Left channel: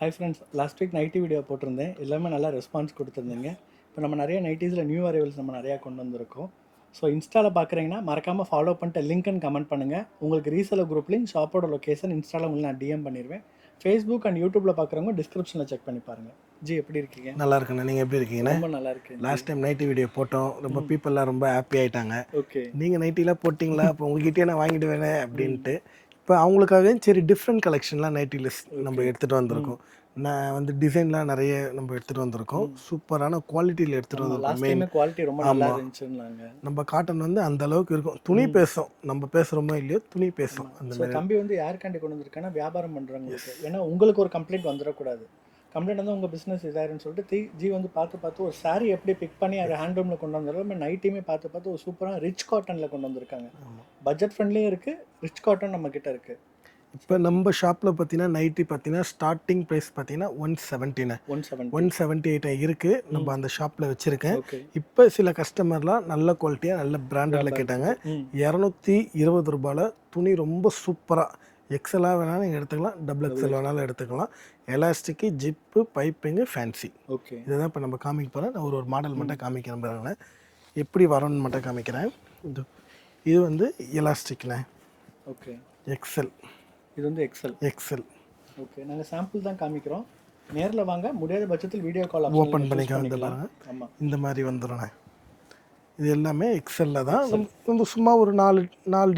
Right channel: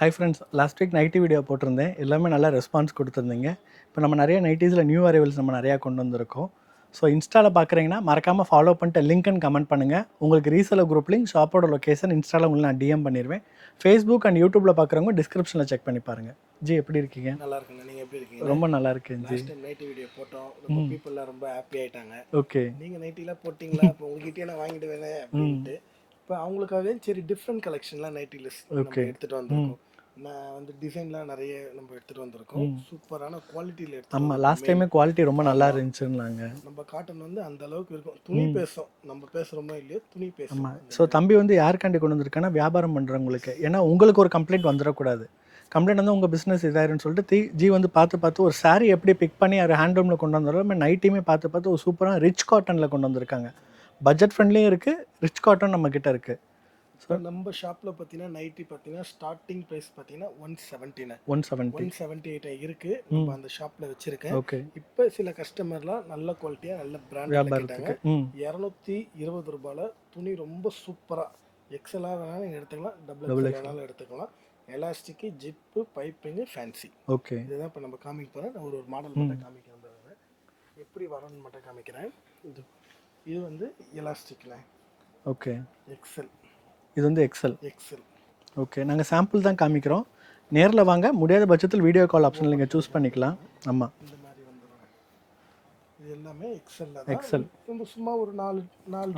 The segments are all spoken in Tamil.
Hi friends, last week nighty video போட்டிருந்தேன். எல்லாமே நல்லா ரெஸ்பான்ஸ் கொடுத்துருந்தீங்க. இப்போ நம்ம நிறைய நைட்டிஸில் நியூ அரைவல்ஸ் நம்ம நிறையா கொண்டு வந்திருக்கோம். ஸோ இன்ஸ்டாவில் பார்க்குறீங்கன்னா மறக்காமல் ஃபாலோ பண்ணிட்டு லிங்க் அண்ட் கமெண்ட் பண்ணுங்கள். உங்களுக்கு ரீசெலர் குரூப் லிங்க், ஷாப்போட லொக்கேஷன் இன்ஸ்டாவில் உங்களுக்கு நான் டிஎம் பண்ணிடுவேன். ஃபேஸ்புக் அண்ட் யூடியூப்பில் பார்க்குறவங்க டிஸ்கிரிப்ஷனில் செக் பண்ணி பாருங்கள். ஜி எப்படி இருக்கீங்க? நல்லா இருக்குண்ணா. நீங்கள் எப்படி இருக்கீங்க? ரொம்ப நல்லா இருக்கேன். லாஸ்ட் டைம் நைட்டி வீடியோ போட்டோம், ரொம்ப பீப்புளெலாம் ரொம்ப ஹாப்பி ஆகிட்டாங்க. ஓகே, நீங்கள் நைட்டிலாம் போட்டிங்களா, இப்போ உங்ககிட்டயே நான் வாங்கிட்டு வேணே அப்படின்ட்டு. இப்போ அவங்களுக்காகவே சரி டிஃப்ரெண்ட் கலெக்ஷன்லாம் நைட்டி லிஸ்ட் நம்ம எடுத்துகிட்டு வந்திருக்கோம். நான் வந்து டிசைன்லாம் நிறைய நம்ம எடுத்துகிட்டு வந்திருக்கோம். சூப்பரான குவாலிட்டியில் எடுத்துகிட்டு வந்தோம். லாஸ்ட் டைமே குவாலிட்டி ரொம்ப நல்லா இருந்துச்சுன்னாங்க. நம்ம காட்டன் வந்து அந்த அளவுக்கு இருக்கும். துணி பேசும், நம்ம பேசுகிறோமோ இல்லையோ துணி பேசும். ஸோ தம்பி வந்து யாருக்காண்டி கொண்டு வந்திருக்காங்கன்னா வியாபாரம் பண்ணுறவங்களுக்கு. ஏன்னா உங்களுக்கு ஒரு கம்ப்ளைண்ட் வந்துடக்கூடாது. கம்ப்ளைண்ட் வந்து உங்கள் பிஸ்னஸ் இதாயிருன்னு சொல்லிட்டு ஜி வந்து பார்த்து ஒரு சாரீ எப்படி பிக் பண்ணி அதை ஹேண்ட்லூமில் கொண்டு வந்தாலும் நம்ம நைட்டையுமே பார்த்து ஒரு சூப்பராக ரிச் காட்டனில் கொண்டு வந்திருக்காங்க. பட்ஜெட் ஃப்ரெண்ட்லியும் இருக்குது, ரிச் காட்டன் நம்மக்கிட்ட இருக்குது. இப்போ நம்ம ஷாப்பில் பார்த்தீங்கன்னா நைட்டி பார்த்தீங்கன்னா ஸ்டார்டிங் ப்ரைஸ் பார்த்தீங்கன்னா 178 இருக்குது. நம்ம அந்த ஷாப்பில் வச்சுருக்கேன். இப்போ சில கஸ்டமர்லாம் நல்ல குவாலிட்டியாக நல்ல பிராண்டில் கேட்டாங்க. 220 ரூபாயில் துணி ரொம்ப சூப்பராக எக்ஸலாக வேணாலும் நீங்கள் எடுத்துக்கலாம், டபுள் எக்ஸல் வேணாலும் எடுத்துக்கலாம். Elastic, zip, piping, fancy. Okay, இதை தான் இப்போ நம்ம காமிக்க போகிறேன். நான் ஒரு மாடல் மட்டும் காமிக்கிறேன் பாருங்க, எப்படி வரணும்னு மட்டும் காமிக்கிறேன். இது வந்து எலாஸ்டிக்ண்ணே. Okay, XL. இது வந்து எக்ஸல். ஓகே, நாங்கள் சாம்பிள் தான் காமிக்கிறோம். நேரில் வாங்க, முடியாத பட்சத்தில் வீடியோ கால் ஆப்ஷன் பண்ணிக்கலாம். ஆமாம், இந்த மாதிரி வந்துடும்ண்ணே. இது எல்லாமே எக்ஸலில் தான். வந்து சும்மா ஒரு நாலு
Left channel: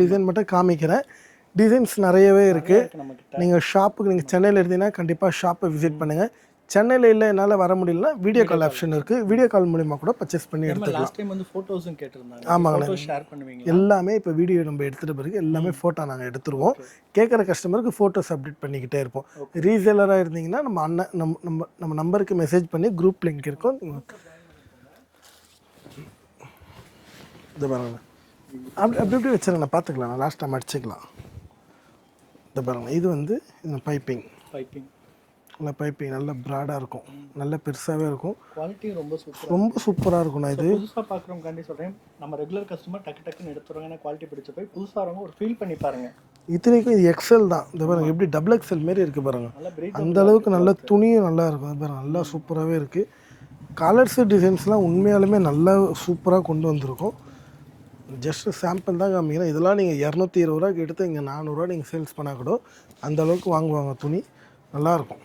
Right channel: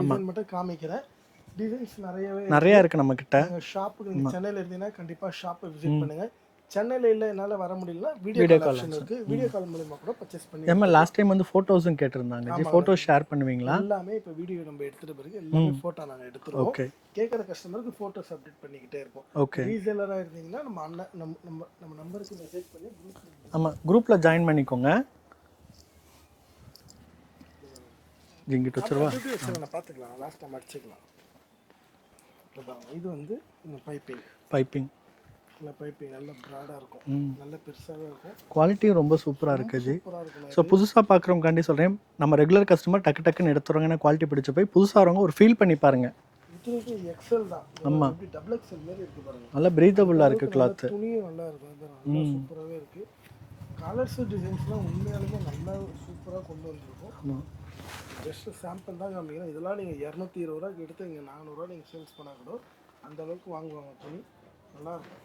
டிசைன் மட்டும் காமிக்கிறேன். டிசைன்ஸ் நிறைய இருக்குது நம்மக்கிட்ட. நீங்கள் ஷாப்புக்கு நீங்கள் சென்னையில் இருந்தீங்கன்னா கண்டிப்பாக ஷாப்பை விசிட் பண்ணுங்கள். சென்னையில் இல்லை, என்னால் வர முடியலன்னா வீடியோ கால் ஆப்ஷன் இருக்குது. வீடியோ கால் மூலிமா கூட பர்ச்சேஸ் பண்ணி. நம்ம லாஸ்ட் டைம் வந்து ஃபோட்டோஸும் கேட்டிருந்தாங்க. ஆமாம், ஃபோட்டோ ஷேர் பண்ணுவீங்களா? எல்லாமே இப்போ வீடியோ நம்ம எடுத்துகிட்ட பிறகு எல்லாமே ஃபோட்டோ நாங்கள் எடுத்துருவோம். கேட்குற கஸ்டமருக்கு ஃபோட்டோஸ் அப்டேட் பண்ணிக்கிட்டே இருப்போம். ரீசேலராக இருந்தீங்கன்னா நம்ம நம்பருக்கு மெசேஜ் பண்ணி குரூப் லிங்க் இருக்கும், குரூப்பில் ஜாயின் பண்ணிக்கோங்க. இது பாருங்க, அப்படி வச்சுருங்க, பார்த்துக்கலாம், நான் லாஸ்ட் டைம் அடிச்சுக்கலாம். இந்த பாருங்க, இது வந்து பைப்பிங் நல்ல ப்ராடாக இருக்கும், நல்ல பெருசாகவே இருக்கும். குவாலிட்டியும் ரொம்ப சூப்பராக இருக்கும். நான் புதுசாக பார்க்குறவங்காண்டி சொல்கிறேன், நம்ம ரெகுலர் கஸ்டமர் டக்குன்னு எடுத்துருவாங்க. குவாலிட்டி பிடிச்ச போய் புதுசாக வரவங்க ஒரு ஃபீல் பண்ணி பாருங்கள். இத்தனைக்கும் இது எக்ஸல் தான். இந்த பாருங்க எப்படி டபுள் எக்ஸல் மாரி இருக்குது பாருங்க. நல்லா பிரீத்தபிள், அந்த அளவுக்கு நல்ல துணியும் நல்லா இருக்கும். அது பாருங்க, நல்லா சூப்பராகவே இருக்குது. கலர்ஸு டிசைன்ஸ்லாம் உண்மையாலுமே நல்லா சூப்பராக கொண்டு வந்திருக்கும். ஜஸ்ட் சாம்பிள் தான் காமிக்கிறேன். இதெல்லாம் நீங்கள் 220 ரூபாய்க்கு எடுத்து இங்கே 400 ரூபா நீங்கள் சேல்ஸ் பண்ணால் கூட அந்த அளவுக்கு வாங்குவாங்க. துணி நல்லாயிருக்கும்.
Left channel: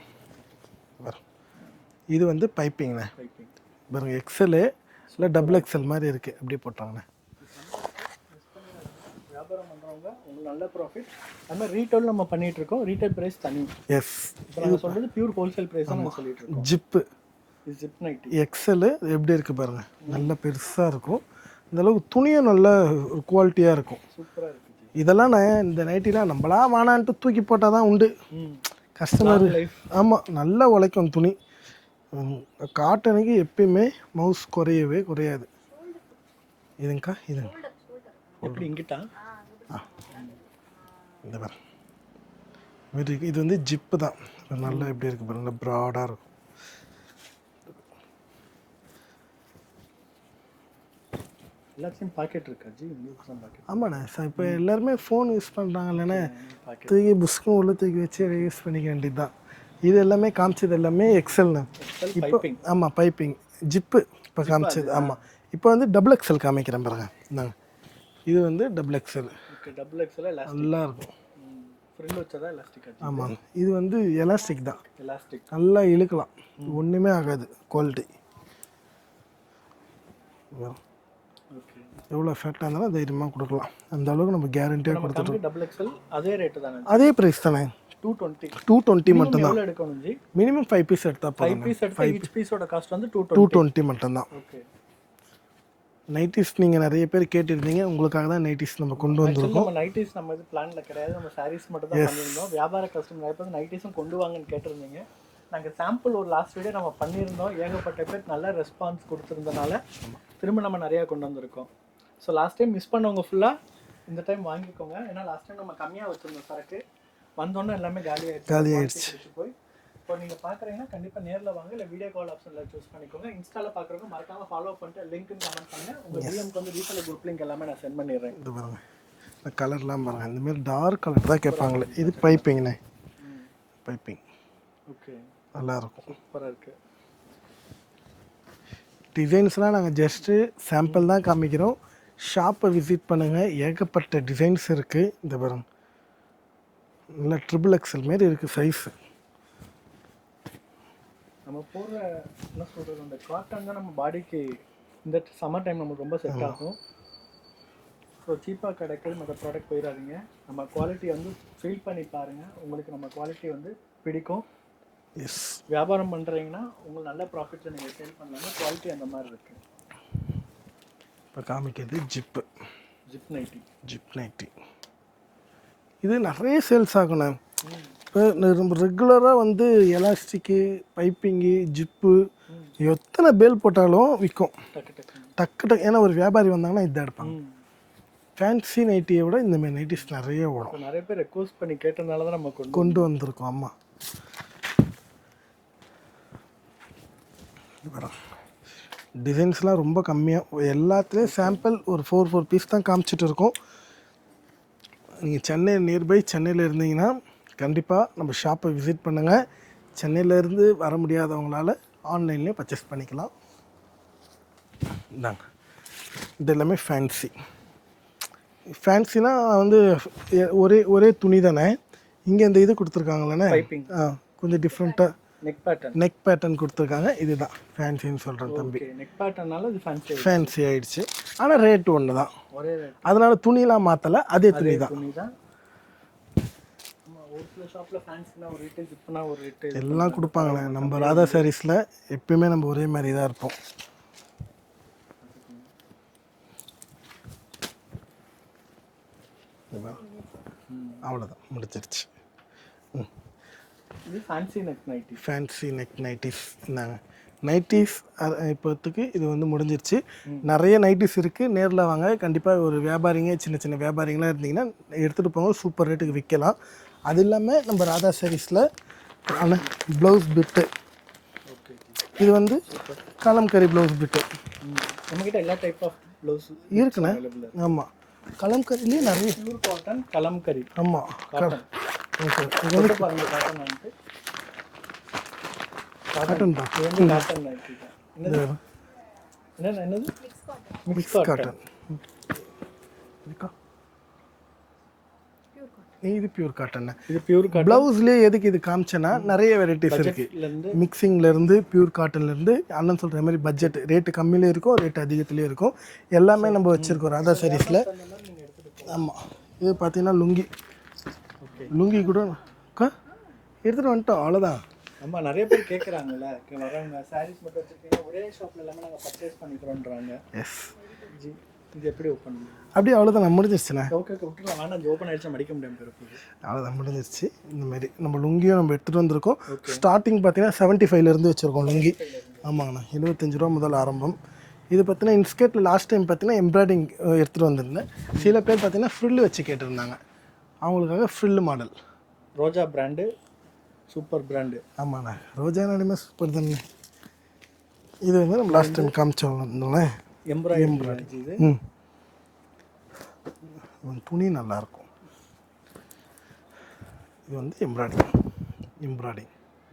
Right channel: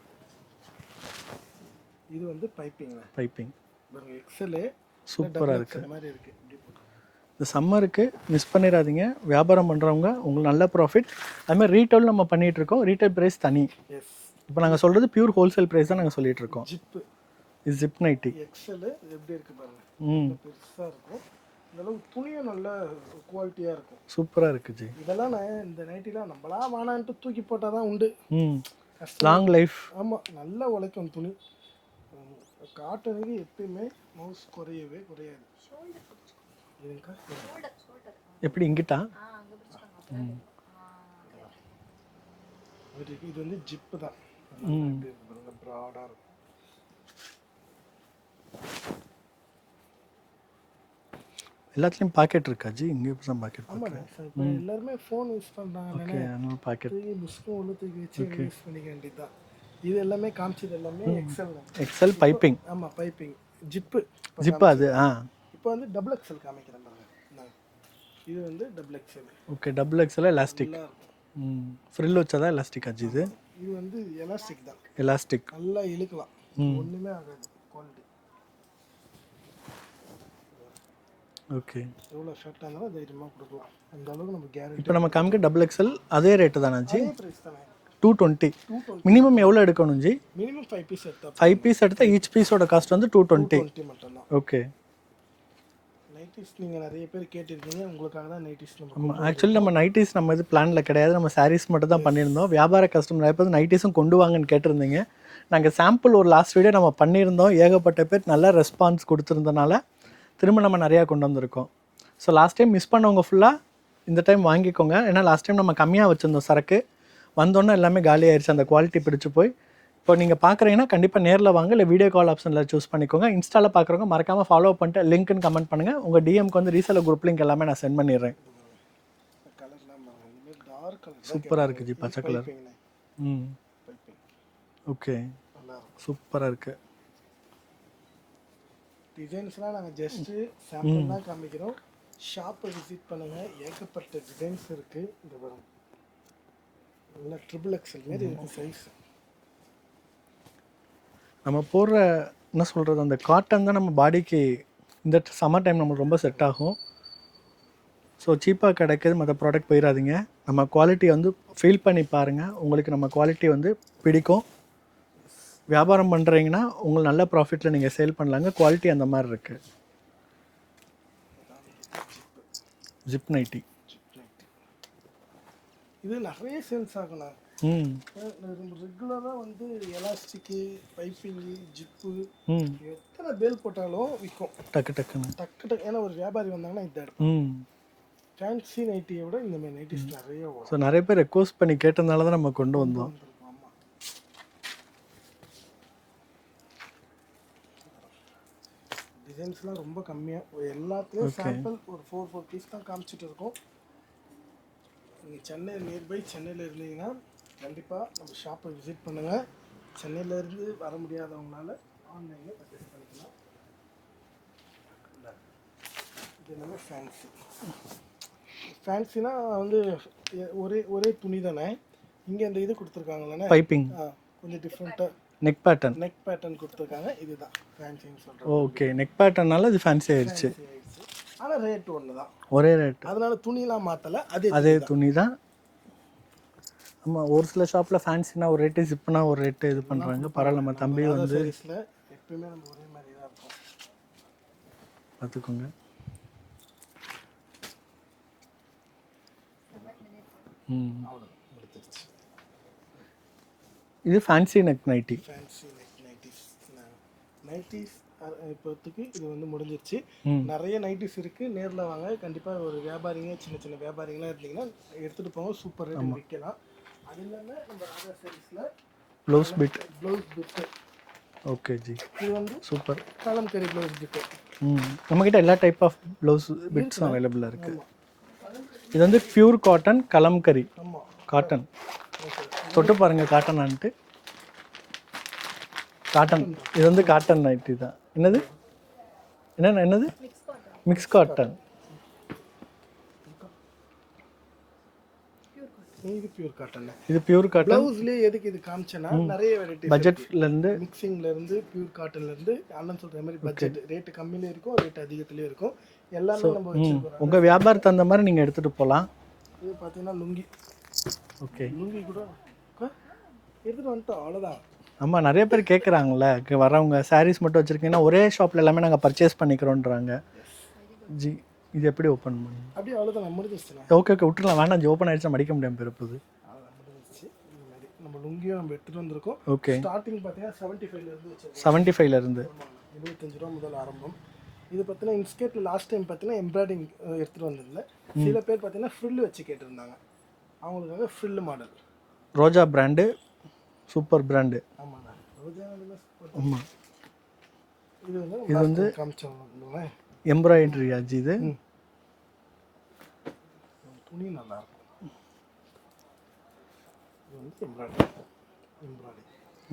இது வந்து பைப்பிங் பாருங்க, எக்ஸலு இல்லை டபுள் எக்ஸல் மாதிரி இருக்குது. எப்படி போட்டாங்கண்ணே. இந்த சம்மருக்கு மிஸ் பண்ணிடாதீங்க. வியாபாரம் பண்ணுறவங்க உங்களுக்கு நல்ல ப்ராஃபிட். அதுமாதிரி ரீட்டைல் நம்ம பண்ணிகிட்டு இருக்கோம். ரீட்டைல் ப்ரைஸ் தனி. எஸ், இப்போ நாங்கள் சொல்கிறது பியூர் ஹோல்சேல் ப்ரைஸ் தான் நாங்கள் சொல்லிட்டு இருக்கோம். ஜிப் நைட்டி எக்ஸலு எப்படி இருக்குது பாருங்கள், நல்ல பெருசாக இருக்கும். இந்த அளவுக்கு துணியும் நல்ல குவாலிட்டியாக இருக்கும். சூப்பராக இருக்குது ஜி. இதெல்லாம் நான் இந்த நைட்டிலாம் நம்மளா வானான்ட்டு தூக்கி போட்டால் தான் உண்டு. Customer life. ஆமாம், நல்லா உழைக்கும் துணி. காட்டனுக்கு எப்பயுமே மவுஸ் குறையாது. இதுங்கக்கா, இது எப்படி இங்கிட்டா? இந்த மாதிரி இது வந்து ஜிப்பு தான். நல்லா எப்படி இருக்குது பாருங்க, நல்லா ப்ராடாக இருக்கும். எல்லாத்துலேயும் பாக்கெட் இருக்கா ஜி? இங்கே தான் பாக்கெட். ஆமாண்ணே சார், இப்போ எல்லாருமே ஃபோன் யூஸ் பண்ணுறாங்க இல்லைண்ணே, தூக்கி புஸ்க்கும் உள்ள தூக்கி வச்சு யூஸ் பண்ணிக்க வேண்டியது தான். இது எல்லாமே காமிச்சது எல்லாமே எக்ஸல் பைப்பிங். ஆமாம், பைப்பிங் ஜிப்பு. இப்போ வந்து டபுள் எக்ஸல் காமிக்கிறேன் பாருங்க. இந்தாங்க, இது வந்து double XL. Okay, double XL elastic நல்லா இருக்கும். ஃப்ரில் வச்சதா எலாஸ்டிக் ஆச்சு. இது வந்து எலாஸ்டிக் தான். எலாஸ்டிக் நல்லா இழுக்கலாம், ஒன்றுமே ஆகாது. குவாலிட்டி ஓகே, எவ்வளோ எஃபெக்டாக இருந்தாலும் தைரியமாக கொடுக்கலாம். அந்த அளவுக்கு நம்ம கேரண்டி. நம்ம காமிக்க டபுள் எக்ஸல் அதே ரேட்டு தானே? அதே ப்ரைஸ் தானே, 220. மினிமம் எவ்வளோ எடுக்கணும் ஜி? மினிமம் 5 பீஸ் எடுத்தால் 5 பீஸ் எடுத்தால் ஈச் பீஸோட காஸ்ட் வந்து 220 மட்டும்தான். ஓகே, நைட்டிஸ் நீங்கள் நிறைய பேர் கேட்டிருந்தீங்க, உங்களுக்காக தான் நைட்டிஸ் நம்ம கொண்டு வரோம். ஆக்சுவலி நம்ம நைட்டிஸ் நம்ம இது பிளானில் கிடையாது, நம்ம சாரீஸ் மட்டும் தான் பண்ணியிருந்தோம். வியாபார கஸ்டமர் நிறைய பேர் நைட்டிஸும் கொண்டு வாங்கன்னு கேட்டிருந்தீங்க. நாங்கள் சாம்பிள் ஒரு லாஸ்ட் வீடியோ நம்ம பண்ணியிருந்தோம். ஏகப்பட்ட பேர் நல்ல ரெஸ்பான்ஸ் கொடுத்துருந்தனால திரும்ப நம்ம நிறையா கொண்டு வந்திருக்கோம். ஸோ லாஸ்ட் டைம் மிஸ் பண்ணவங்க ஃபுல்லாக இந்த டைம் வாங்கிக்கோங்க. ஏன்னா லாஸ்ட் டைம் நம்ம கம்மியாக வச்சுருந்தோம் சரக்கு, வந்தோன்னே எல்லாமே காலி ஆயிடுச்சு. அந்த குவாலிட்டி பிடிச்சி போய் இப்போ நீங்கள் பார்க்குறீங்கன்னா கண்டிப்பாக நேரில் வாங்க, இல்லை வீடியோ கால் ஆப்ஷனில் சூஸ் பண்ணிக்கோங்க. இன்ஸ்டாவில் பார்க்குறவங்க மறக்காமல் ஃபாலோ பண்ணிட்டு லிங்க்னு கமெண்ட் பண்ணுங்கள். உங்கள் டிஎம்க்கு வந்து ரீசெலர் குரூப் லிங்க் எல்லாமே நான் சென்ட் பண்ணிடுறேன். இது பாருங்கள், இந்த கலர்லாம் பாருங்கள், இந்தமாரி டார்க் கலர் தான் கேட்பாங்களே. இது பைப்பிங்ண்ணே, பைப்பிங் ஓகே, நல்லாயிருக்கும். சூப்பராக இருக்குது. டிசைன்ஸ்லாம் நாங்கள் ஜஸ்ட்டு சாம்பிள் தான் காமிக்கிறோம். ஷாப்பை விசிட் பண்ணுங்கள், ஏகப்பட்ட டிசைன்ஸ் இருக்குது. இந்த பாருங்க, நல்லா ட்ரிபிள் எக்ஸல் மாரி இருக்குது சைஸு. நம்ம போடுற என்ன சொல்கிறது, அந்த காட்டன் தான் நம்ம பாடிக்கு இந்த சம்மர் டைம் நம்மளுக்கு ரொம்ப செட் ஆகும். ஸோ சீப்பாக கிடைக்கிது, மற்ற ப்ராடக்ட் போயிடாதீங்க. நம்ம குவாலிட்டி வந்து ஃபீல் பண்ணி பாருங்கள், உங்களுக்கு நம்ம குவாலிட்டி வந்து பிடிக்கும். எஸ், வியாபாரம் பண்ணுறீங்கன்னா உங்களுக்கு நல்ல ப்ராஃபிட்டில் நீங்கள் சேல் பண்ணலாங்க. குவாலிட்டி அந்த மாதிரி இருக்குது. இப்போ காமிக்கிறது zip, zip nighty. Zip nighty இது நிறைய சேல்ஸ் ஆகணும். ம் இப்போ நம்ம ரெகுலராக வந்து எலாஸ்டிக்கு, பைப்பிங்கு, ஜிப்பு எத்தனை பேல் போட்டாலும் விற்கும் டக்கு டக்குன்னு. டக்கு. ஏன்னா ஒரு வியாபாரி வந்தாங்கன்னா இதை எடுப்பாங்க. ம் ஃபேன்சி நைட்டியை விட இந்த மாதிரி நைட்டிஸ் நிறைய ஸோ ஓடும். நிறைய பேர் ரெக்வஸ்ட் பண்ணி கேட்டதுனால தான் நம்ம கொண்டு வந்திருக்கோம். ஆமாம், டிசைன்ஸ்லாம் ரொம்ப கம்மியாக, எல்லாத்துலேயும் சாம்பிள் ஒரு 4 பீஸ் தான் காமிச்சிட்டு இருக்கோம். நீங்கள் சென்னை நியர்பை சென்னையில் இருந்தீங்கன்னா கண்டிப்பாக நம்ம ஷாப்பை விசிட் பண்ணுங்கள். சென்னையிலேருந்து வர முடியாதவங்களால ஆன்லைன்லேயே பர்ச்சேஸ் பண்ணிக்கலாம். இந்தாங்க, இது எல்லாமே ஃபேன்சி. ஃபேன்சினா வந்து ஒரே துணி தானே. இங்கே இந்த இது கொடுத்துருக்காங்களே பைப்பிங், கொஞ்சம் டிஃப்ரெண்ட்டாக நெக் பேட்டர்ன் கொடுத்துருக்காங்க. இதுதான் ஃபேன்சின்னு சொல்கிறது. ஓகே, நெக் பேட்டர்னால இது ஃபேன்சி ஆயிடுச்சு. ஆனால் ரேட்டு ஒன்று தான், ஒரே ரேட். அதனால துணிலாம் மாற்றலை, அதே துணி தான். ஆமாம், ஒரு சில ஷாப்பில் ஃபேன்சினா ஒரு ரேட்டு, ஜிப்னா ஒரு ரேட்டு எல்லாம் கொடுப்பாங்க. நம்ம ராதா சாரீஸில் எப்பயுமே நம்ம ஒரே மாதிரி தான் இருப்போம். பார்த்துக்கோங்க. அவ்வளோதான், முடிச்சிருச்சு. இது fancy neck nighty. Fancy neck nighties. இந்தாங்க நைட்டிஸ். இப்போத்துக்கு இது வந்து முடிஞ்சிருச்சு. நிறைய நைட்டிஸ் இருக்குது. நேரில் வாங்க. கண்டிப்பாக ஒரு வியாபாரிங்க, சின்ன சின்ன வியாபாரிங்களாம் இருந்தீங்கன்னா எடுத்துகிட்டு போங்க, சூப்பர் ரேட்டுக்கு விற்கலாம். அது இல்லாமல் நம்ம ராதா சாரீஸில் ப்ளவுஸ் பிட்டு. ஓகே ஜி, இது வந்து சூப்பர் கலம்கரி ப்ளவுஸ் பிட்டு. நம்மக்கிட்ட எல்லா டைப் ஆஃப் ப்ளவுஸ் இருக்குண்ணா, அவைலபிளாக இருக்குது. ஆமாம், கலம்கரி. இது வந்து பியூர் காட்டன் கலம்கரி. ஆமாம், காட்டன். சொல்ல பாருங்க, காட்டன்ட்டு காட்டன் தான். இது வந்து காட்டன் நைட்டி தான். என்னது மிக்ஸ் காட்டன். இது பியூர் காட்டன். இது பியூர் காட்டன். ப்ளவுஸ்லேயே எதுக்கு இது காமிச்சேன்னா நிறைய வெரைட்டிஸ் பட்ஜெட்லேருந்து, மிக்சிங்லேருந்து, பியூர் காட்டன்லேருந்து, அண்ணன் சொல்கிற மாதிரி பட்ஜெட் ரேட்டு கம்மியிலே இருக்கும், ரேட் அதிகத்துலேயும் இருக்கும். எல்லாமே நம்ம வச்சுருக்கோம். அந்த வியாபாரத்துக்கு அந்த மாதிரி நீங்கள் எடுத்துகிட்டு போகலாம். இது பார்த்தீங்கன்னா லுங்கி. ஓகே, லுங்கி கூட எடுத்துகிட்டு வந்துட்டோம், அவ்வளோதான். ஆமாம், நிறைய பேர் கேட்குறாங்களே, வரவங்க சாரீஸ் மட்டும் வச்சுருக்கீங்கன்னா ஒரே ஷாப்பில் எல்லாமே நாங்கள் பர்ச்சேஸ் பண்ணிக்கிறோன்றாங்க. எஸ் ஜி, இது எப்படி ஓப்பன் பண்ணுங்க? அப்படியே அவ்வளோதான், நம்ம முடிஞ்சிருச்சுண்ணே. ஓகே விட்டுலாம், வேண்டாம் ஜி, ஓப்பன் ஆகிடுச்சா மடிக்க முடியாமல் போயிருப்போது. அவ்வளோதான், முடிஞ்சிருச்சு. இந்த மாதிரி நம்ம லுங்கியும் நம்ம எடுத்துகிட்டு வந்திருக்கோம். ஓகே, ஸ்டார்டிங் பார்த்தீங்கன்னா 75லேருந்து வச்சுருக்கோம். 75லேருந்து. ஆமாங்கண்ணா, 75 ரூபா முதல் ஆரம்பம். இது பார்த்தீங்கன்னா இன்ஸ்கேட்டில் லாஸ்ட் டைம் பார்த்தீங்கன்னா எம்ப்ராய்டிங் எடுத்துகிட்டு வந்திருந்தேன். சில பேர் பார்த்தீங்கன்னா ஃப்ரில்லு வச்சு கேட்டிருந்தாங்க, அவங்களுக்காக ஃப்ரில்லு மாடல். ரோஜா பிராண்டு, சூப்பர் பிராண்டு. ஆமாண்ணா, ரோஜா நாடுமே சூப்பர் தானே. இது வந்து நம்ம லாஸ்ட் டைம் காமிச்சோம்ல, எம்ப்ராய்டரி ஆச்சு. இது துணி நல்லாயிருக்கும். இது வந்து எம்ப்ராய்டிங்.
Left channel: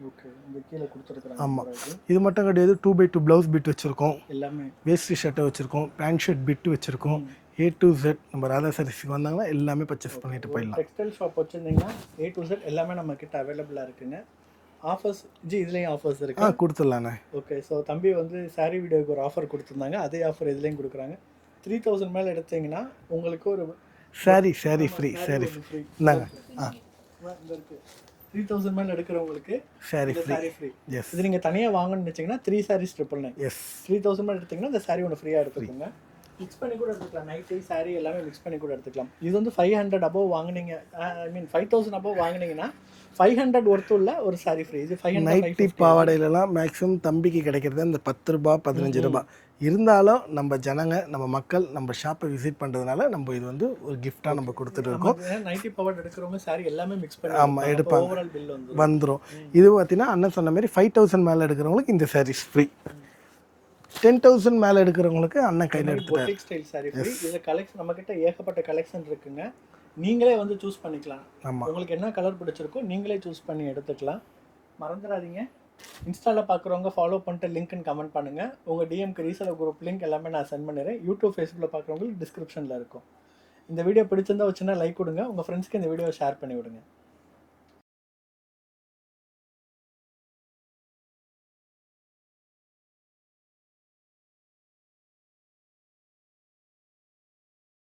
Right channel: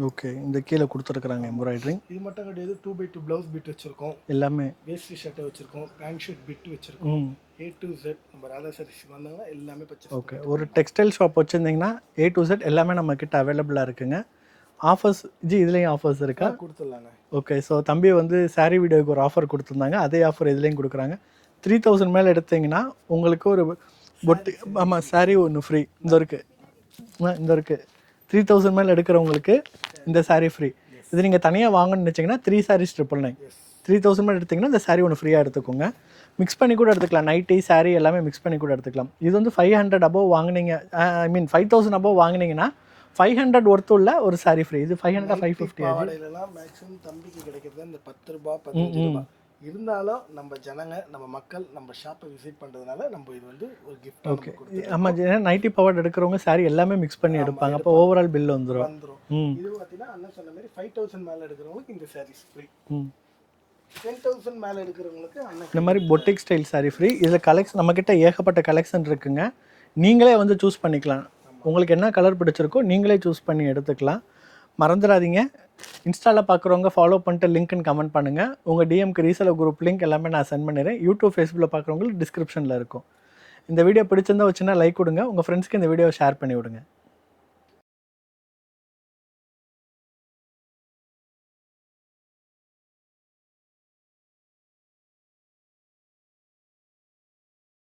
ஓகே, இந்த கீழே கொடுத்துருக்குறாங்க எம்ப்ராய்டரிங். இது மட்டும் கிடையாது, 2x2 ப்ளவுஸ் பிட் வச்சுருக்கோம். எல்லாமே வேஸ்டி ஷர்ட்டை வச்சுருக்கோம், பேண்ட் ஷர்ட் பிட்டு வச்சுருக்கோம். A to Z நம்ம ராதா சாரீஸ்க்கு வந்தாங்கன்னா எல்லாமே பர்ச்சேஸ் பண்ணிட்டு ஒரு டெக்ஸ்டைல் ஷாப் வச்சுருந்தீங்கன்னா A to Z எல்லாமே நம்மக்கிட்ட அவைலபிளாக இருக்குங்க. ஆஃபர்ஸ் ஜி, இதுலேயும் ஆஃபர்ஸ் இருக்கு, கொடுத்துடலாண்ணே. ஓகே, ஸோ தம்பியை வந்து சாரீ வீடியோவுக்கு ஒரு ஆஃபர் கொடுத்துருந்தாங்க, அதே ஆஃபர் இதுலேயும் கொடுக்குறாங்க. 3000 மேலே எடுத்தீங்கன்னா உங்களுக்கு ஒரு சாரீ ஒன்று ஃப்ரீ. இந்த இருக்குது 3000 மேலே எடுக்கிறவங்களுக்கு இந்த சாரீ ஃப்ரீ. இது நீங்கள் தனியாக வாங்கணும்னு நினச்சிங்கன்னா 3 sarees 999. 3000 மேலே எடுத்திங்கன்னா இந்த சாரீ ஒன்று ஃப்ரீயாக எடுத்துக்கோங்க. மிக்ஸ் பண்ணி கூட எடுத்துக்கலாம், நைட்டி சாரீ எல்லாமே மிக்ஸ் பண்ணி கூட எடுத்துக்கலாம். இது வந்து 500 above வாங்கினீங்க, ஐ மீன் 5000 above வாங்கினீங்கன்னா 500 ஒர்த்து உள்ள ஒரு சாரீ ஃப்ரீ. இது 500. பாவாடையிலலாம் மேக்ஸிமம் தம்பிக்கு கிடைக்கிறது அந்த 10 ரூபா 15 ரூபா. இருந்தாலும் நம்ம ஜனங்க, நம்ம மக்கள் நம்ம ஷாப்பை விசிட் பண்ணுறதுனால நம்ம இது வந்து ஒரு கிஃப்டாக நம்ம கொடுத்துருக்கோம். நம்ம நைட்டி பாவாடை எடுக்கிறவங்க சாரீ எல்லாமே மிக்ஸ் பண்ணி எடுப்பாங்க, ஓவரால் பில் வந்துடும். இது பார்த்தீங்கன்னா அண்ணன் சொன்ன மாதிரி 5000 மேலே எடுக்கிறவங்களுக்கு இந்த சாரீஸ் ஃப்ரீ. 10,000 மேலே எடுக்கிறவங்களுக்கு அண்ணன் மாதிரி பொட்டிக் ஸ்டைல் சாரீ ஃப்ரீ. இதில் கலெக்ஷன் நம்மக்கிட்ட ஏகப்பட்ட கலெக்ஷன் இருக்குங்க. நீங்களே வந்து சூஸ் பண்ணிக்கலாம். உங்களுக்கு என்ன கலர் பிடிச்சிருக்கோ நீங்களே சூஸ் பண்ணி எடுத்துக்கலாம். மறந்துடாதீங்க, இன்ஸ்டாவில் பார்க்குறவங்க ஃபாலோ பண்ணிட்டு லிங்க்னு கமெண்ட் பண்ணுங்கள். உங்கள் டிஎம்க்கு ரீசெலர் குரூப் லிங்க் எல்லாமே நான் சென்ட் பண்ணிடுறேன். யூடியூப் ஃபேஸ்புக்கில் பார்க்குறவங்களுக்கு டிஸ்கிரிப்ஷனில் இருக்கும். இந்த வீடியோ பிடிச்சிருந்தா வச்சுன்னா லைக் கொடுங்க. உங்கள் ஃப்ரெண்ட்ஸ்க்கு இந்த வீடியோவை ஷேர் பண்ணி விடுங்க.